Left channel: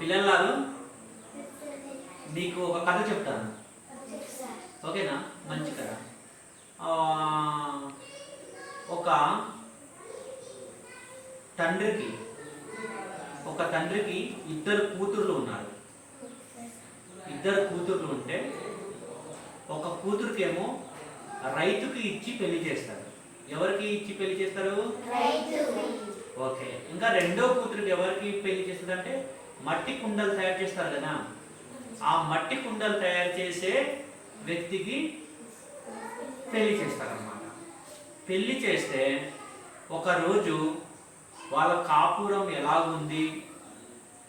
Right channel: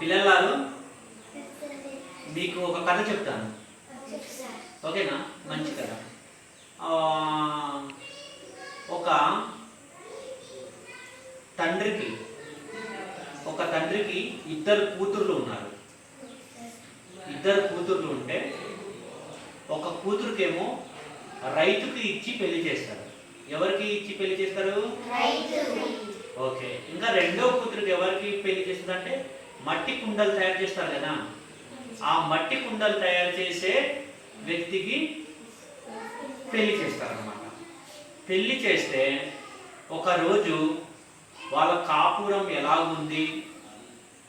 పిల్లలారు మీకు ఒక కథ చెప్తాను, ఓకేనా? మంచి కథ. ఒక తండ్రికి ఇద్దరు కూతుర్లు ఉన్నారు. ఇద్దరు కూతుర్లు ఉంటే ఒక కూతురుకేమో రైతుకి ఇచ్చి పెళ్లి చేస్తారు. ఎవరికి ఇచ్చి పెళ్లి చేస్తారు? ఓకే. ఇంకా రెండో కూతురికి ఎవరికి పెళ్లి చేస్తారంటే మట్టి కుండలు తయారు చేస్తారు కదా, ఆ మట్టి కుండలు తయారు చేసే వ్యక్తికి పెళ్లి చేస్తారన్నమాట. పెళ్లి చేస్తే ఒకరోజు వాళ్ళ కాపురం ఎలాగుంది,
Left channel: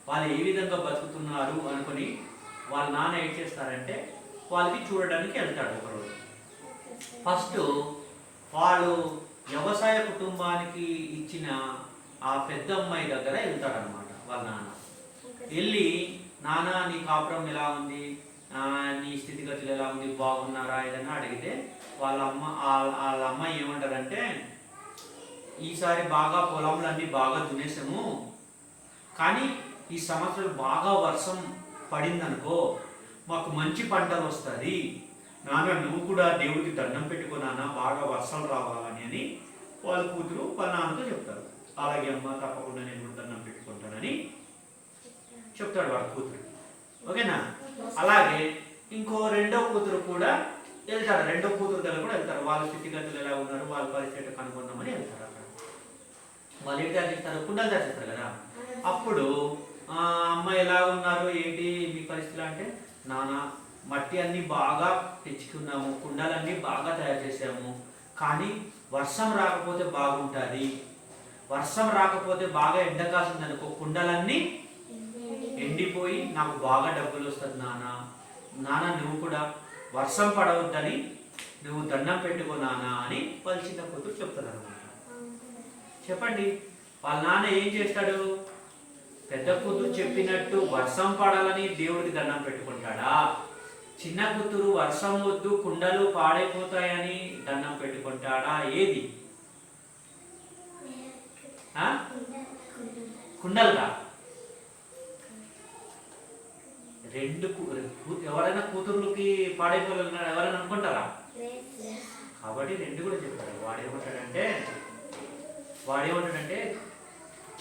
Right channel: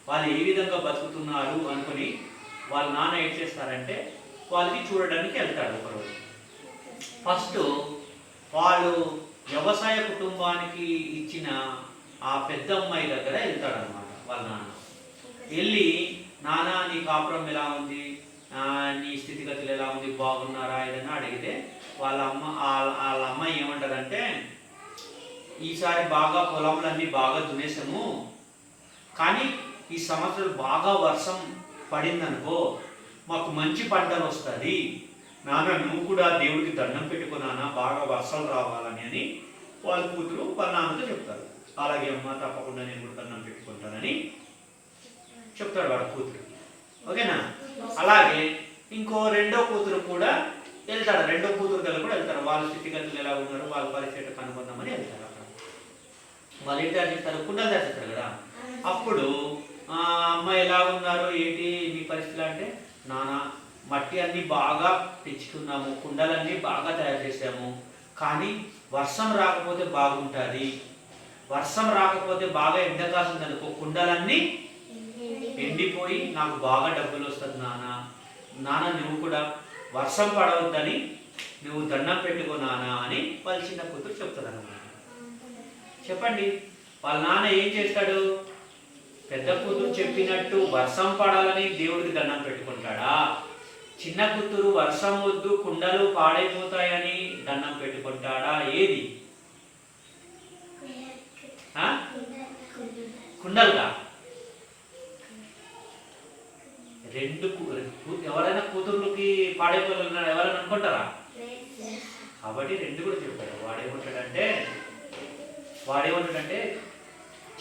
వాళ్ళు ఏ విధంగా బతుకుతున్నారు అనుకుని వాళ్ళ నాన్న ఏం చేస్తారంటే వాళ్ళకి చూడడానికి వెళ్తాడు ఒకరోజు. ఫస్ట్ వాళ్ళు వ్యవసాయ కుటుంబానికి ఇచ్చిన ఆ పెద్ద అమ్మాయి దగ్గర వెళ్తాడనమాట వాళ్ళ నాన్న. వెళ్ళి, నాన్న నీ కాపురం ఎలా ఉంది, నీ స్థితిగతులు ఎలా ఉంది, బాగున్నారా ఏదన్నా అడిగితే వాళ్ళ అమ్మాయి ఏమంటారంటే, ఈసారి బాగా పొలములన్నీ బాగా దున్నేసాము, కానీ ఈ సంవత్సరం బాగా వర్షం పడిందనుకో మాకు మంచి పంటలు వస్తుంది, నాన్న నువ్వు కూడా దేవుడికి దండం పెట్టుకున్నానా బాగా వర్షాలు రావాలని అని వాళ్ళ కూతురు వాళ్ళ నాన్నతో చెప్తారు. అలాగే అమ్మ తప్పకుండా నేను కూడా దండం పెట్టుకుంటానని చెప్తాడు వాళ్ళ కూతురు, ఓకేనా? అలాగే ఇంకో రెండో కూతురు కూడా వెళ్తాడు. రెండో కూతురు దగ్గర కూడా వెళ్తారు. వాళ్ళ స్థితిగతులు ఎలా ఉన్నారు, వాళ్ళ పరిస్థితి కనుక్కుందామని వెళ్తారు. అక్కడ వాళ్ళు ఏం తయారు చేస్తారు? కుండలు తయారు చేస్తారు కదా. అప్పుడు అమ్మ ఎలా ఉన్నారు, ఏంటి మీ పరిస్థితులు అంటే, నాన్న మట్టి అన్నీ బాగా తెచ్చుకున్నాము, కుండలన్నీ బాగా తయారు చేసాము, కానీ వర్షం రాకపోతే బాగుంటుంది, వర్షం రాకపోతే బాగా ఎండ కాస్తుంది అనుకో కుండలన్నీ ఎండిపోయి నాకు బాగా డబ్బులు వస్తుంది నాన్న నువ్వు కూడా వర్షం పడవద్దని నువ్వు దండం పెట్టుకో నాన్న అని వాళ్ళ చిన్న కూతురు చెప్తాడు అనమాట. చెప్పండి, వాళ్ళ నాన్న ఏం చేస్తాడు? పెద్ద కూతురు చెప్పినట్టు వర్షం పడాలని దేవుడికి దండం పెట్టుకుంటాడా? చిన్న కూతురు వర్షం వద్దు కుండలు పాడైపోతాయని దండం పెట్టుకుంటాడా? ఏది? కుండలుగా రెండు ఎవరైనా కూతుర్లకి పాడైపోవాలన్నా ఎవరైనా అనుకుంటారా? కాబట్టి రెండు కూడా చెప్పాడు. వాడేమంటాడంటే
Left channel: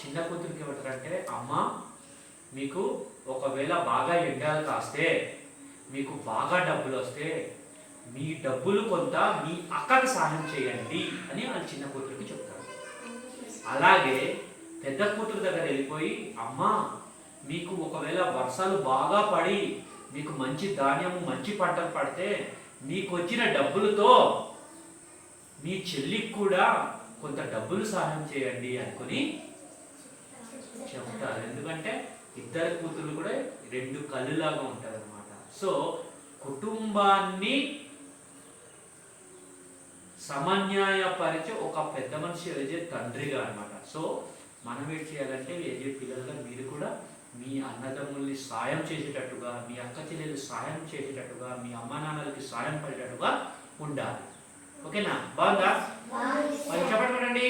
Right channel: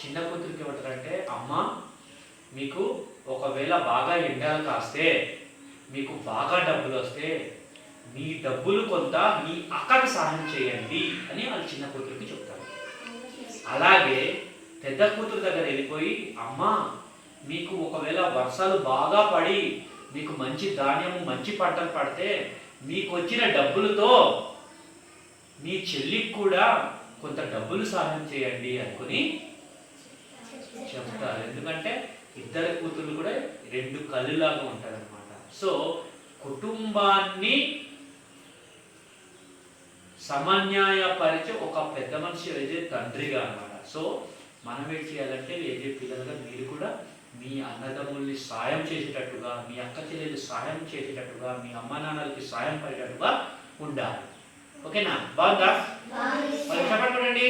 చిన్న కూతురికి ఏమంటారంటే, అమ్మ మీకు ఒకవేళ బాగా ఎండలు కాస్తే, మీకు బాగా డబ్బులు వస్తే, మీ డబ్బులు కొంత మీ అక్కకి సహాయం చేయండి అని వాళ్ళ చిన్న కూతురికి చెప్తారు. అలాగే పెద్ద కూతురు దగ్గర వెళ్ళిపోయి, అమ్మ మీకు ఒకవేళ వర్షాలు బాగా పడి మీకు మంచి ధాన్యము మంచి పంటలు పడితే మీకు వచ్చిన డబ్బులతో మీ చెల్లికి కూడా కొంత డబ్బులు సహాయం చేయండి అనుకుని చెప్తారు. ఎందుకంటే ఇద్దరు కూతురు కూడా రెండు కళ్ళులాగా ఉంటారు అనమాట. సో కుటుంబాన్ని సమన్యాయపరిచే ఒక పెద్ద మనిషి వేసే తండ్రిగా అనమాట. సో మనం ఏం చేయాలంటే వేసే పిల్లలుగా మీరు కూడా మీ అన్నదమ్ముల్ని సాయం చేసేటట్టుగా, మీ అక్క చెల్లెలు సాయం చేసేటట్టుగా, మీ అమ్మ నాన్నలకి సాయం పడేటట్టుగా ఉండాలి. ఓకేనా? బాగుందా? చెప్పండి.